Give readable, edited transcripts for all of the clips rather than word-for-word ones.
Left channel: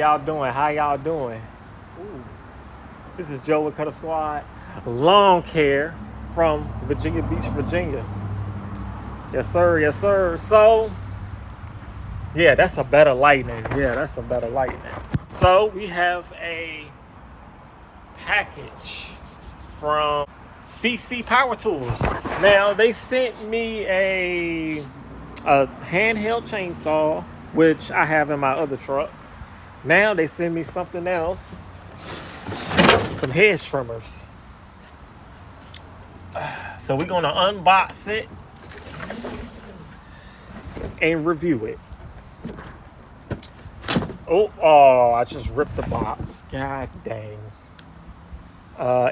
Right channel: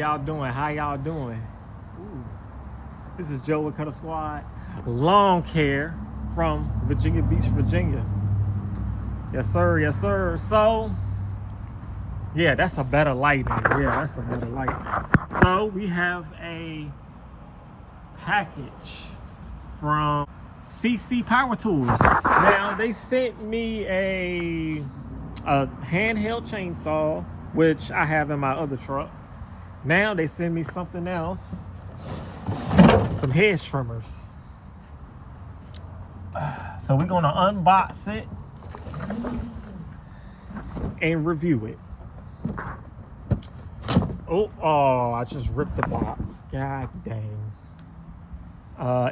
y'all doing? How y'all doing? Ooh. This is Joe with Cutter Squad Lawn Care from Virginia Beach, Virginia. Yes, sir. Yes, sir. So, yeah, that's a better lighting. Yeah, that's a better lighting. So, we have a package from SEESII Power Tools. Now, they sent me a handheld chainsaw, which I have in my other truck. Now they send me something else, some hedge trimmers. So we're gonna unbox it and review it. Oh, I just ripped the box. God dang.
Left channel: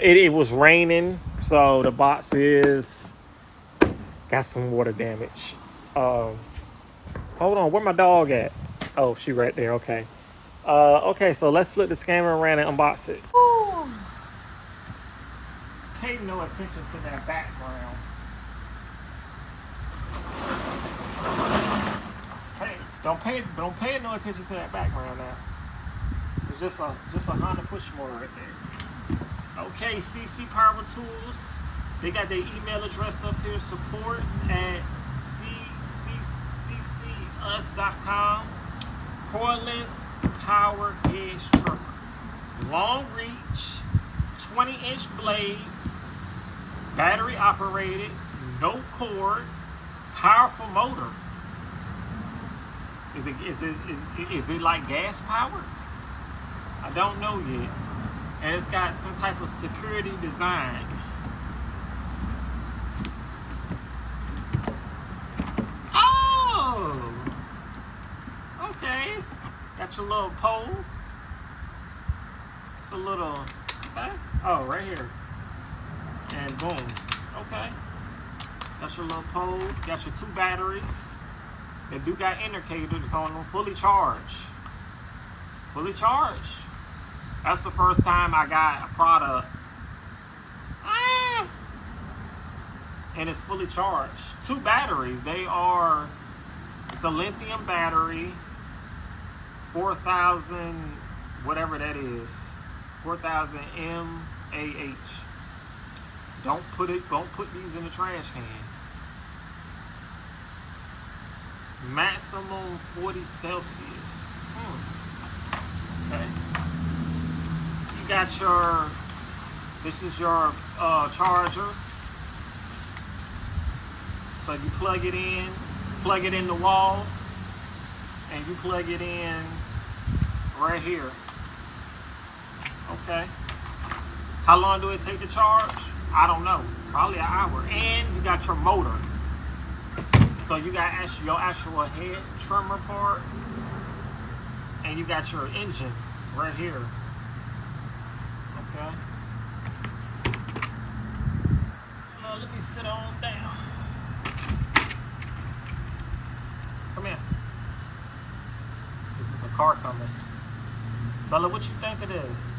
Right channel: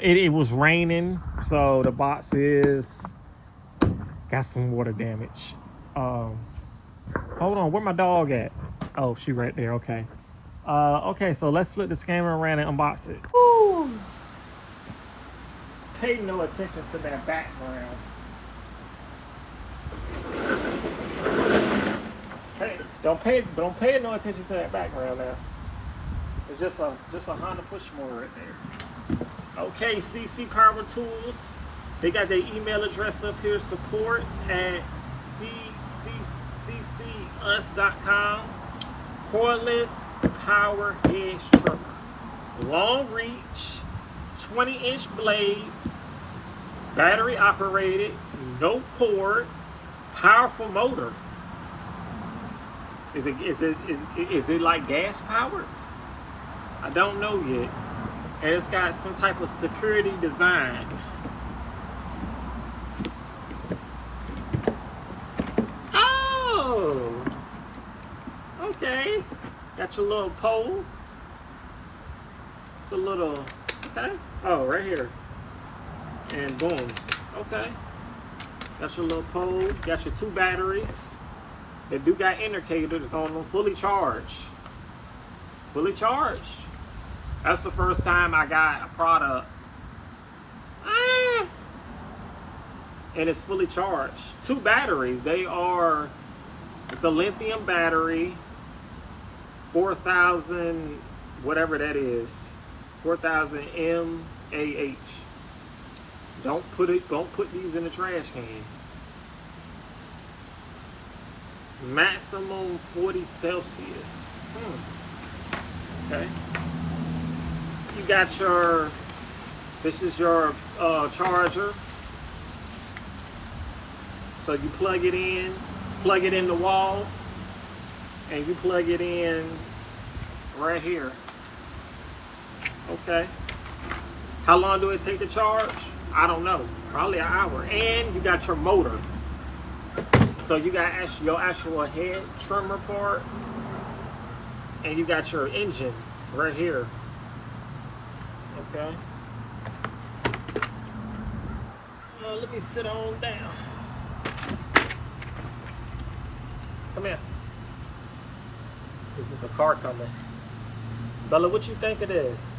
It was raining, so the box got some water damage. Hold on, where my dog at? Oh, she right there. Okay. Okay, so let's flip the camera around and unbox it. Woo. Pay no attention to that background. Hey, don't pay no attention to that background now. It's just a Honda push mower right there. Okay, SEESII Power Tools. They got their email address up here, support at seesius.com. Cordless power hedge trimmer. Long reach, 20-inch blade, battery operated, no cord, powerful motor. Is it like gas powered? I don't know yet. And it's got some type of security design. Oh! Okay. Got your little pole. It's a little, okay. Oh, right here. And boom. Okay. Got your little pole. Got your 2 batteries. They do got indicators on them. Fully charged. Fully charged. That's the first time I got a product. And it's fully charged. 2 batteries. It's a lithium battery. 4,000, whatever that is. 4,000 mAh. Don't put these in the trash can. Maximum 40 Celsius. Okay. You got this is your charger. So you plug it in the wall, and you plug it in right here. Okay. How long do it take to charge? I don't know. Probably an hour. And you got your motor. So you got your actual head trimmer part, and you got your engine right here. Okay. Let me sit on down. Come here. This is a car coming. Bella, what you think it is?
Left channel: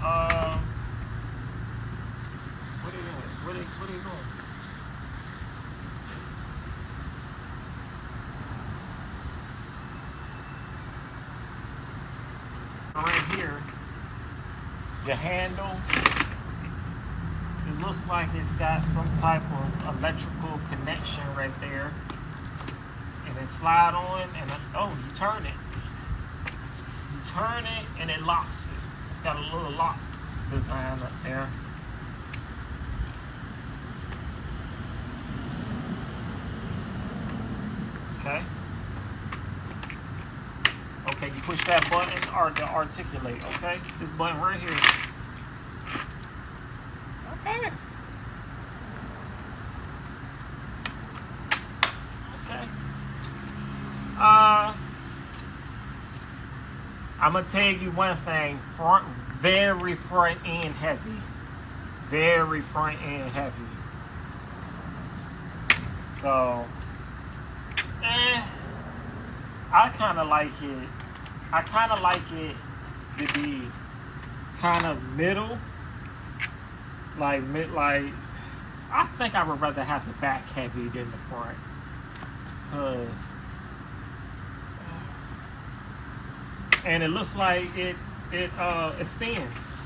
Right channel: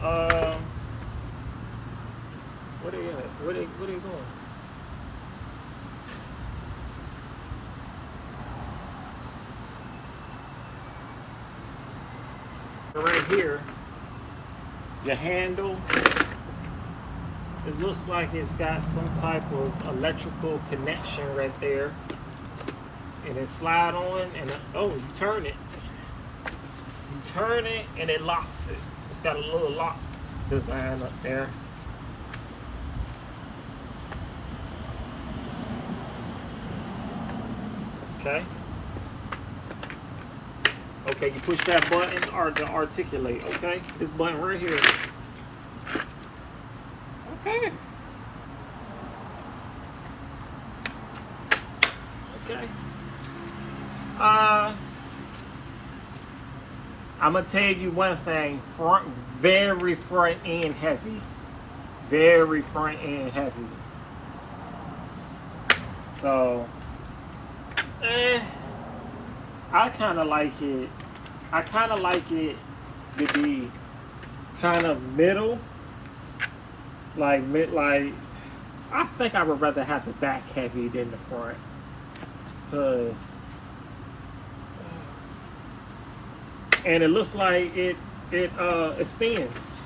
Where they at? Where they going? Right here, your handle, it looks like it's got some type of electrical connection right there, and it slide on, and you turn it and it locks it. It's got a little lock design up there. Okay. Okay, you push that button to articulate, okay? This button right here. Okay. Okay. I'm gonna tell you one thing, very front end heavy. Very front end heavy. So, I kind of like it. I kind of like it to be kind of middle, like I think I would rather have the back heavy than the front, cause and it looks like it extends.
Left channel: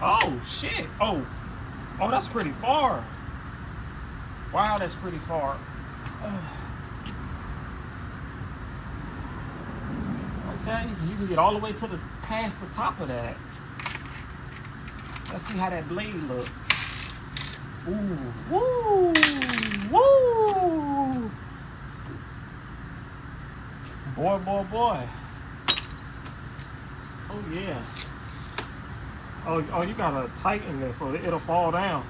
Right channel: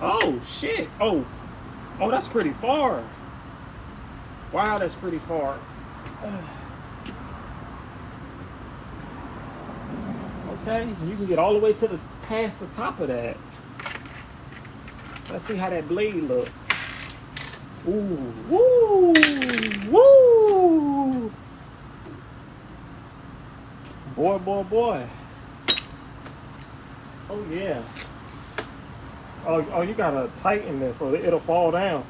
Oh shit! Oh, that's pretty far. Wow, that's pretty far. Okay, you can get all the way to past the top of that. Let's see how that blade looks. Ooh, woo, woo! Boy, boy, boy. Oh yeah. Oh, you gotta tighten this so it'll fall down.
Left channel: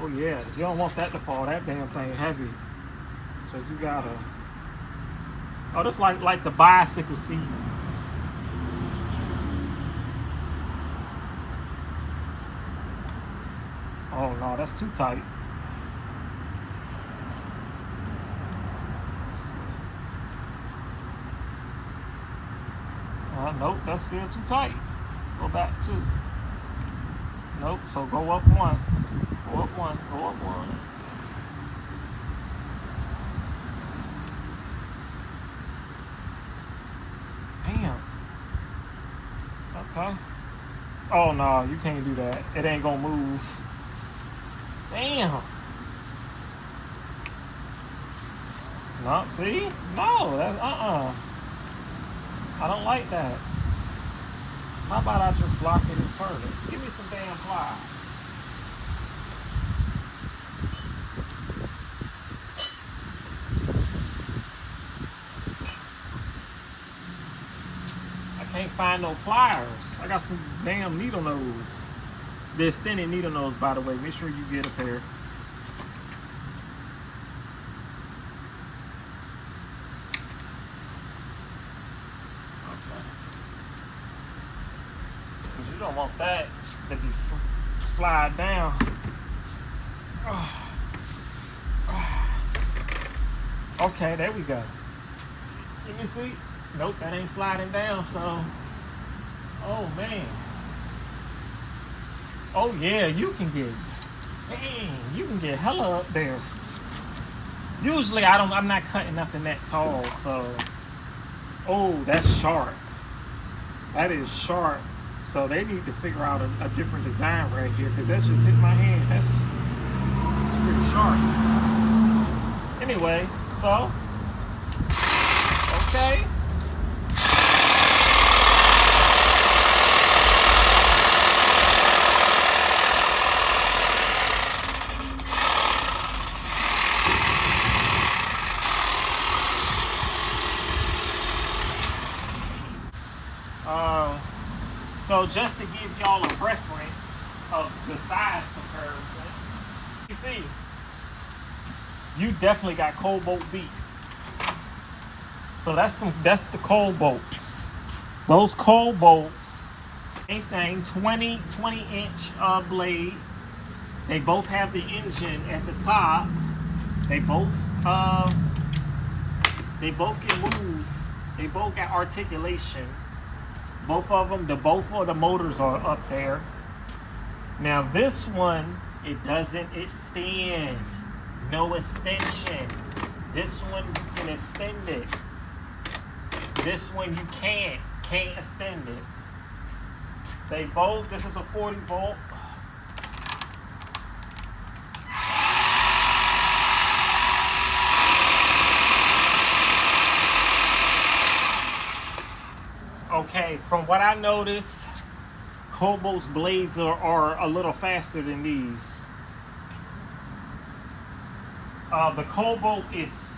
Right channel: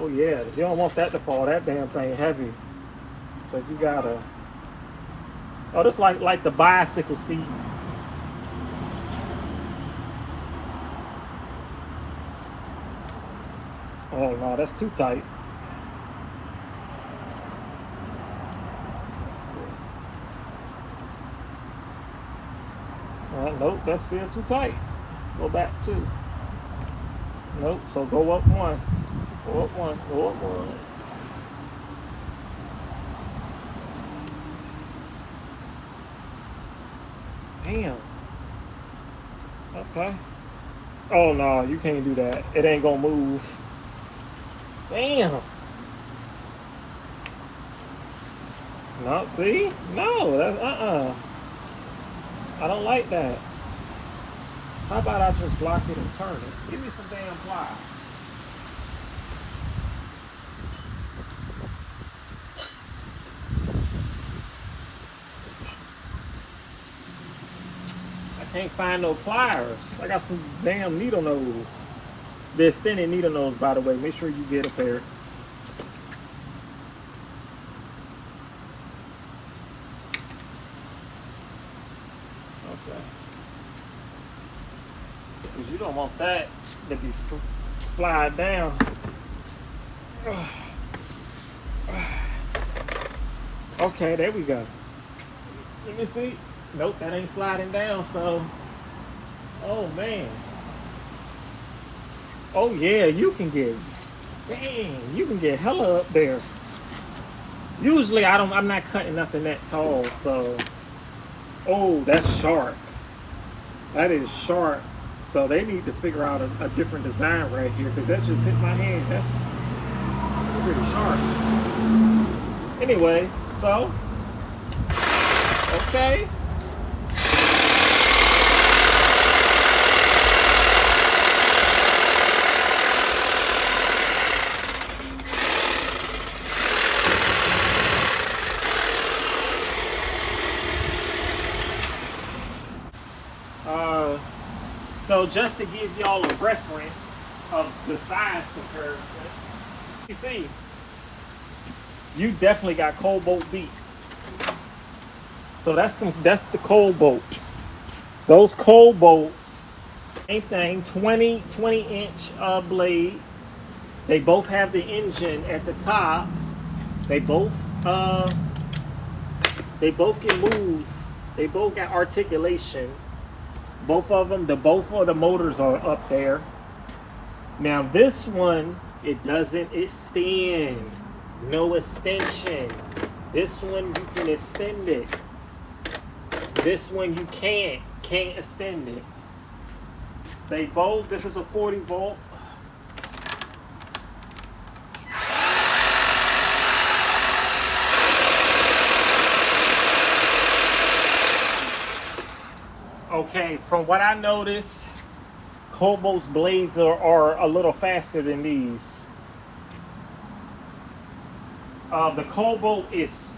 Oh yeah, you don't want that to fall. That damn thing heavy. So you gotta. Oh, that's like the bicycle seat. Oh no, that's too tight. Let's see. Nope, that's still too tight. Go back 2. Nope, so go up 1. Go up 1, go up 1. Damn. Okay. Oh no, you can't do that. It ain't gonna move. Damn. No, see? No, that's I don't like that. How about I just lock it and turn it? Give me some damn pliers. I can't find no pliers. I got some damn needle nose. The extended needle nose, by the way. Make sure you get a pair. Okay. Because you don't want that to be slide down. Okay, there we go. Let me see. Nope, that ain't sliding down, so. Oh man. Oh yeah, you can get, dang, you can get hella up there. Usually I'm not cutting nothing that tall, so. Oh, that's sharp. That is sharp. So they need to figure out a different design right here, because that just hit my hand. That's pretty sharp. Anyway, so, okay. So just to give y'all a reference of the size comparison, you see, you definitely got cold bolt beat. So that's the cold bolts. Those cold bolts, same thing, 20 inch blade. They both have the engine at the top. They both can move. They both got articulation. Both of them, both of the motors are up there. Now this one, it doesn't extend. No extension. This one you can extend it. This one you can't extend it. They both, this is a 40 volt. Okay, from what I noticed, Cobolt's blades are a little faster than these. The Cobalt is...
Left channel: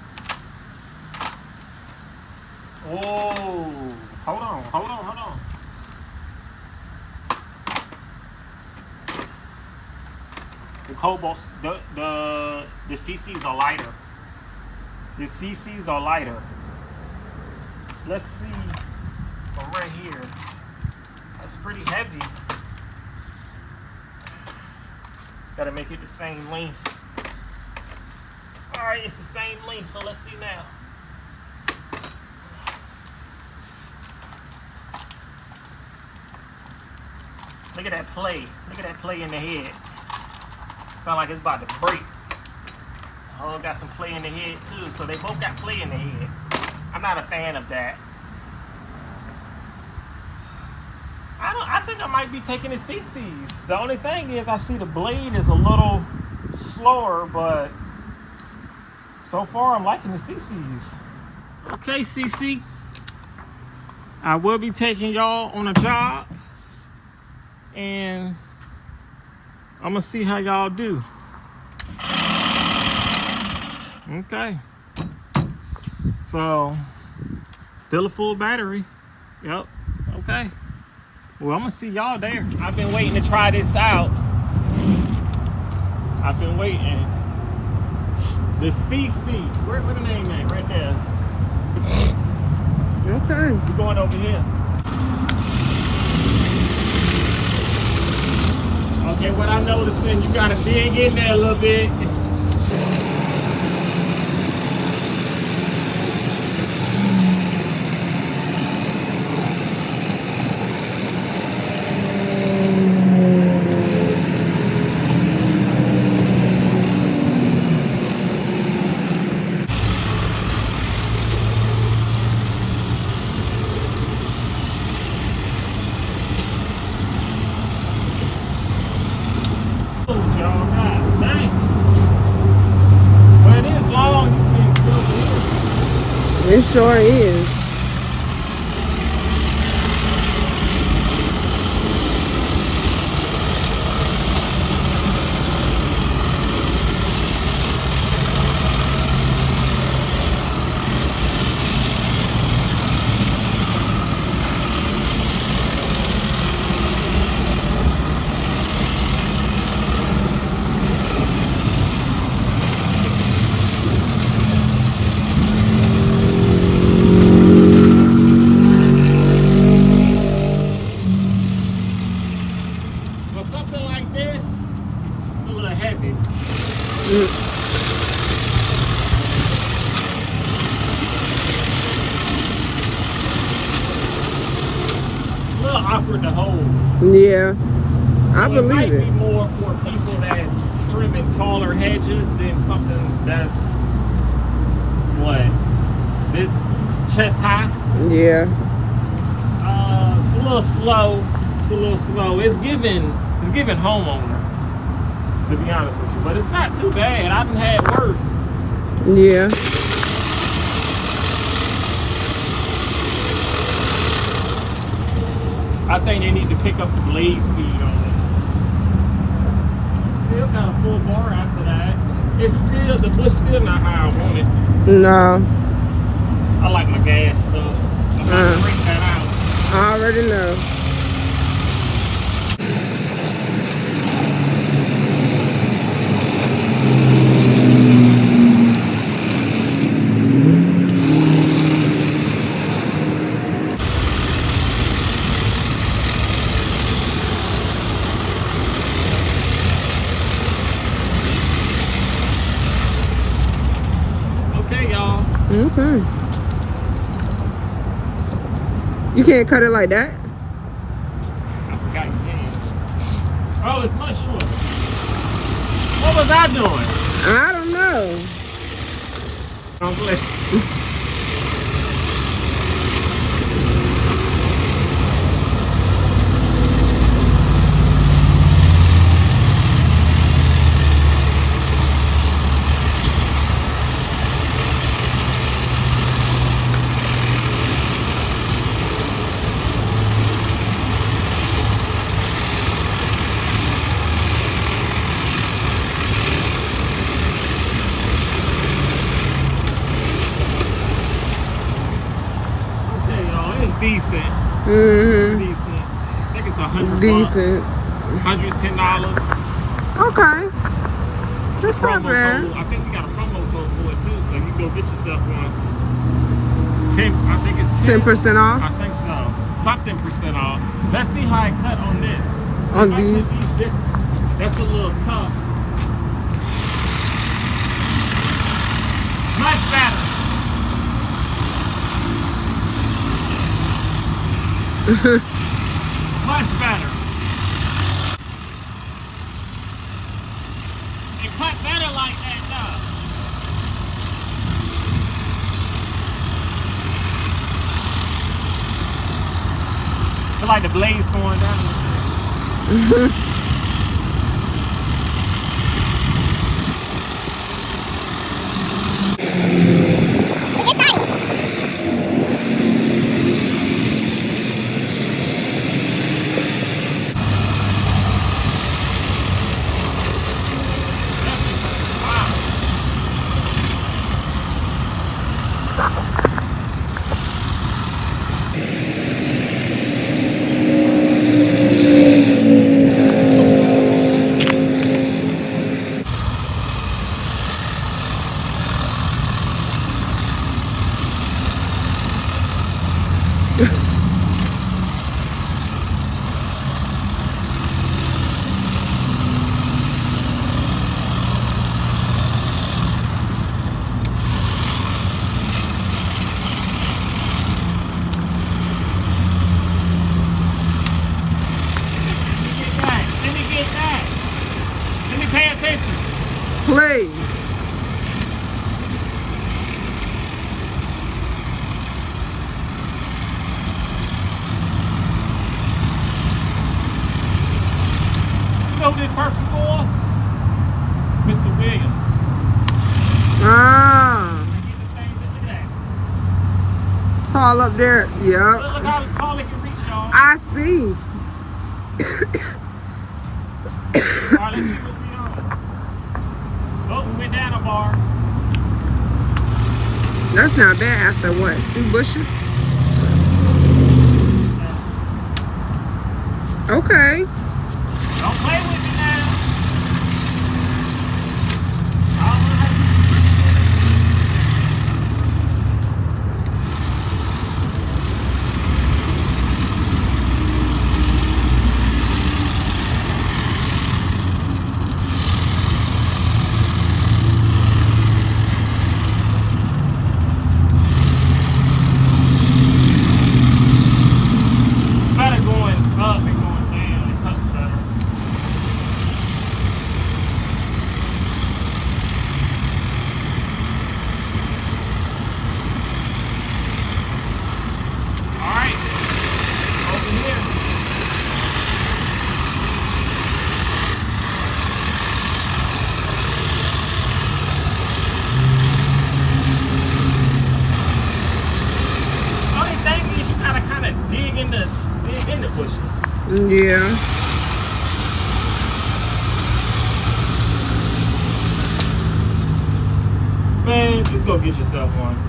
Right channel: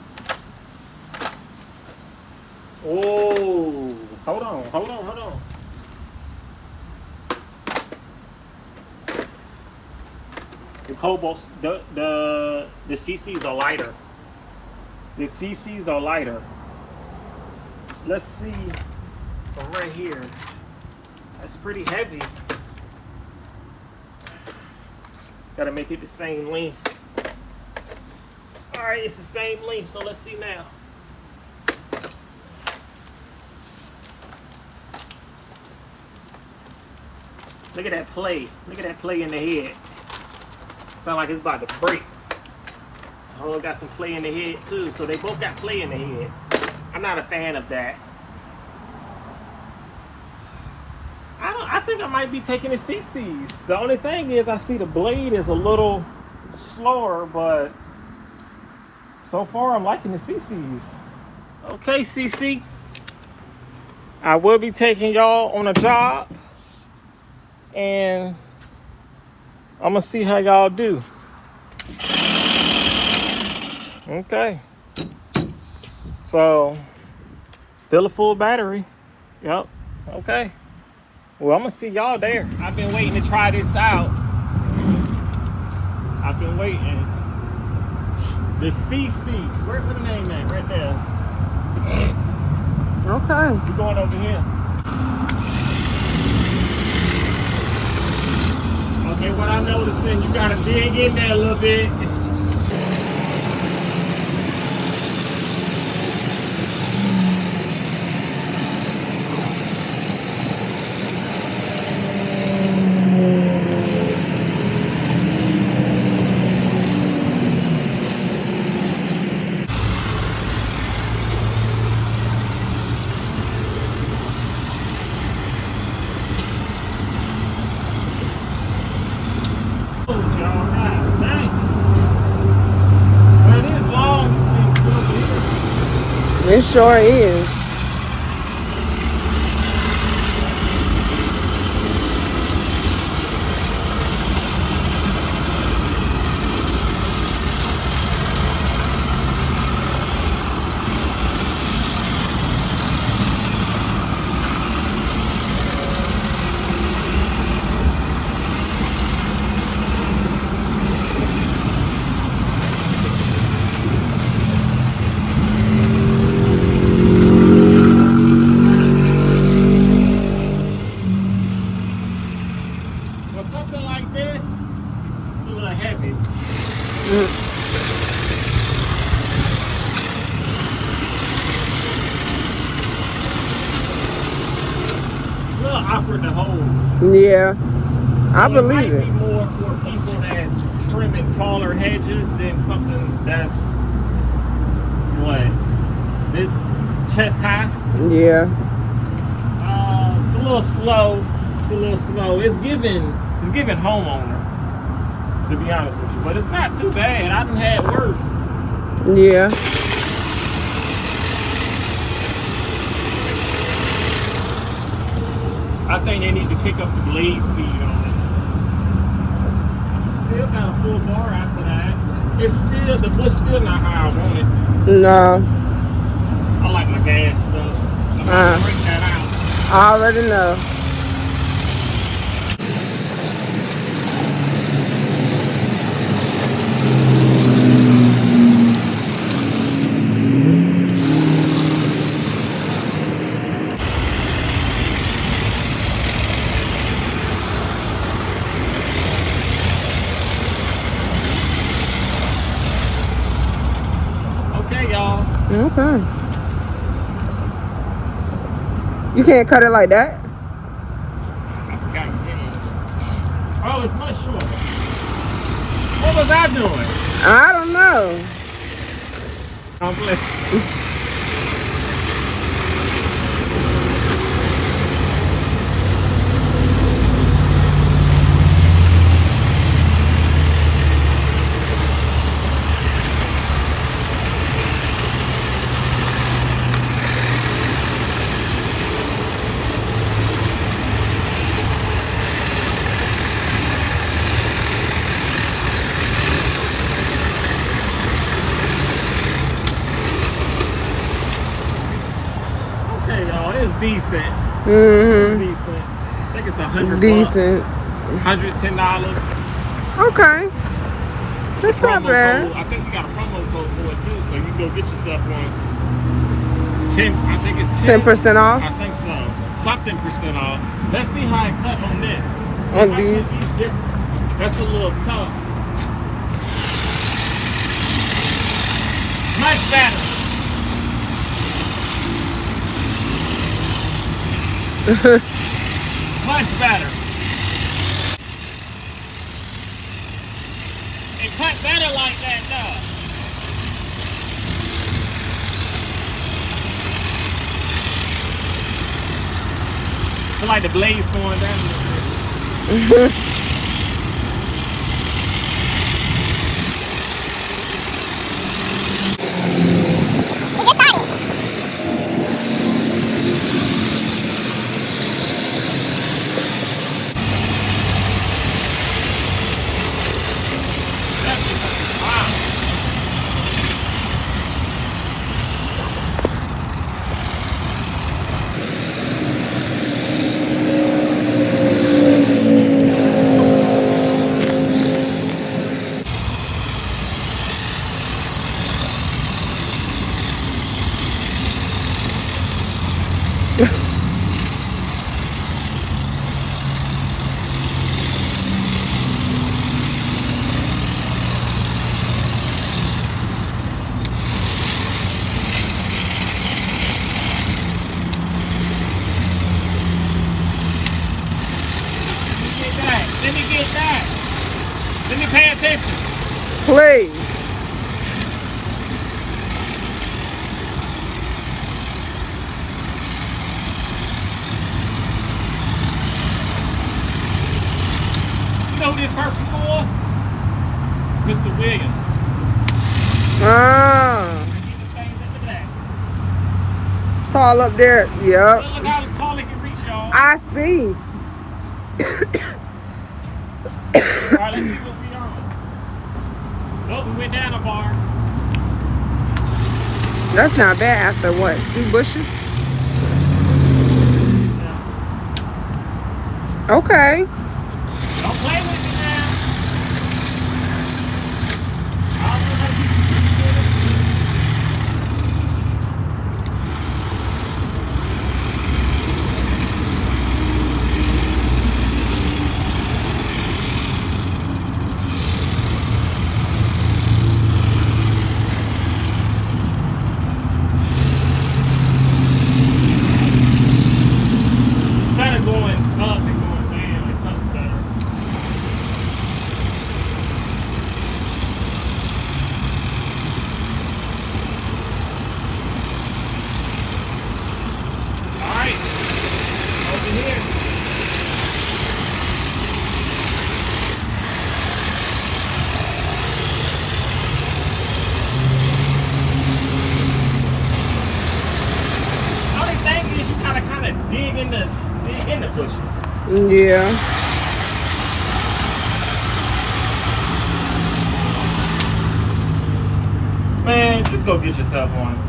Oh, hold on. The Cobolt's, the CCs are lighter. The CCs are lighter. Let's see. Right here, that's pretty heavy. Gotta make it the same length. All right, it's the same length, so let's see now. Look at that play. Look at that play in the head. Sound like it's about to break. Oh, got some play in the head too. So they both got play in the head. I'm not a fan of that. I think I might be taking the SEESIIs. The only thing is I see the blade is a little slower, but so far I'm liking the SEESIIs. Okay, SEESII. I will be taking y'all on a job, and I'm gonna see how y'all do. Okay. So, still a full battery. Yep. Okay. Well, I'm gonna see y'all there. I've been waiting to try this out. I've been waiting. The SEESII. Where the name at? Right there. Okay. We're going over here. Okay, what I'm noticing, you gotta dig in there a little bit. It sure is. Awkward to hold. Yeah, I so believe it. Might be more for people that's trimming taller hedges than something that's this chest high. Yeah. It's a little slow. It's a little slow. It's giving homeowner, to be honest with you, but it's not too bad. I done had worse. Yeah. I think they need to pick up the blade speed on it. Still got a full bar after that. It's still, the bush still not how I want it. No. I like my gas stuff. I'm gonna break that out. I already know. Okay. You can't cut it like that? I forgot you can. Oh, it's much shorter. What was I doing? I don't know. I'm playing. Decent. It's decent. I think it's $100. Decent. $110. Okay. That's not bad. Code. I think we got a promo code for it too, so you can go get yourself one. I think it's 10% off. I think so. Something percent off. Let's see how it cut on this. On these. That's a little tough. Much better. Much better. It cut better like that, though. feel like the blade's slowing down. Pay attention. Please. You know who this perfect for? Mr. Williams. Ah. Tall up there. Yep. Look how tall it can reach, y'all. I see. Alright, let's see what we are. Oh, we went down a bar. That's not bad after what? 2 bushes? Yeah. Okay. Don't play with it, man. Dig in the bushes. Yeah. Man, just go get yourself one.